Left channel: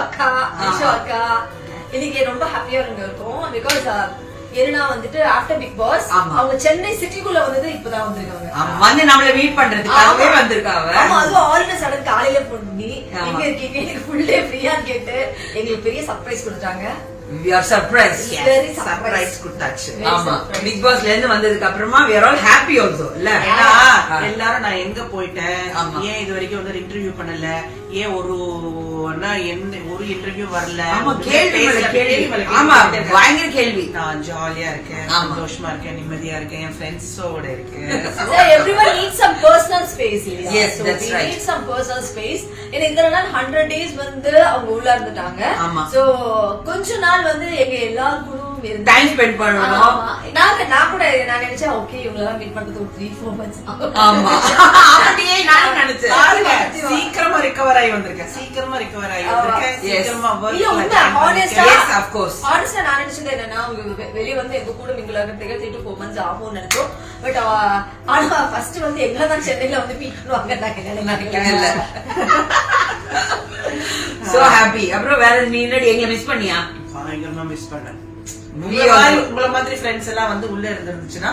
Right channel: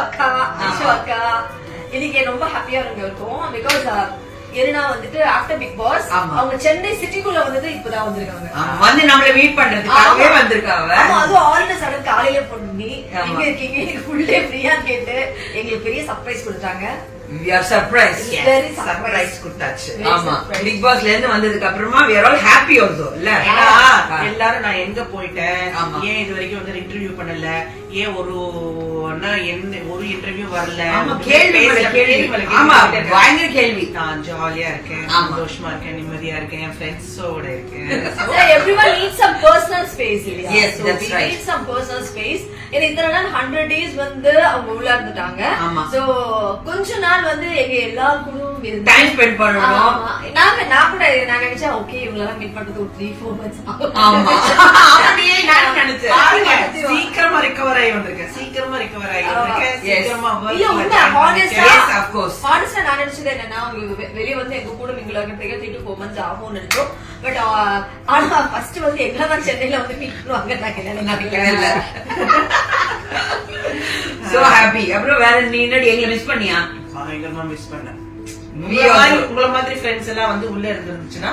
அக்கா இன்னைக்கு ரொம்ப ஹாப்பியா இருந்திருக்கும். பிகாஸ் ஏன்னா வந்துட்டு ஆஃப்டர் பிக் பாஸ் அவங்க சென்னை சிட்டிக்குள்ள வந்தது இப்பதான் வந்திருக்காங்க. வந்து நம்மள மீட் பண்றதுக்காகவே வந்திருக்காங்க. அதுவும் ஆல் த சடன் காலையில பண்ணி எங்க இருக்கீங்க எனக்கு ஃபுல் டே ஃப்ரீயா கேட்டு எங்களுக்கு பெரிய சர்ப்ரைஸ் கொடுத்தாங்க. We are surprised. Very surprise கொடுத்தாச்சு. ஆமா பிக் பாஸ்ல இருந்து வந்ததுக்கு அப்புறமா we are all happy also இல்ல. எல்லாரும் நான் எங்க போயிட்டேன், ஏன் இது வரைக்கும் வந்து இன்டர்வியூ பண்ணல, ஏன் ஒரு இன்டர்வியூ வரல, கேள்வி. ஆமா பயங்கர கேள்வி. நான் ஜாலியா இருக்கேன், சந்தோஷமா இருக்கேன், நிம்மதியா இருக்கேன், என் ஃப்ரெண்ட்ஸோட இருக்கேன். Everyone needs some personal space. Yes, that's right. Need some personal space. ஏன்னா இந்த நாள் 100 days வந்து அவங்க உள்ள இருந்துட்டாங்க. சோ கொஞ்ச நாள் வந்து எங்க எல்லாருக்கும் டைம் ஸ்பெண்ட் பண்ணணும். நான் கூட நான் நினைச்சேன் ஓகே இவங்களெல்லாம் மீட் பண்றது ஒரு 3-4 months ஆகும். ஆமா நான் நினைச்சேன் சீக்கிரமா ரிகவர் ஆகி வந்திருக்கேன், சீக்கிரமா ரிகவர் ஆகி வந்திருக்கேன், சீக்கிரமா ஹானஸ்டா நான் நினைச்சது என்னன்னா உங்களுக்கு வெளியே வந்து எங்க கூட மிங்கிள் ஆகிறதுக்கு 3-4 months ஆகும்னு நினைச்சோம். பட் ஆனா ஃபர்ஸ்ட் வந்து எங்கதான் சென்னையில வந்து மீட் பண்ணுவாங்க நான் நினைக்கவே இல்ல. So happy. அப்புறம் வேற நீ என்னடி எங்களை மிஸ் பண்ணியா? பயங்கரமா மிஸ் பண்ணேன். உங்கள மாதிரி ஃப்ரெண்ட்ஸ் எல்லாம் வந்து உள்ள இருந்துச்சுன்னா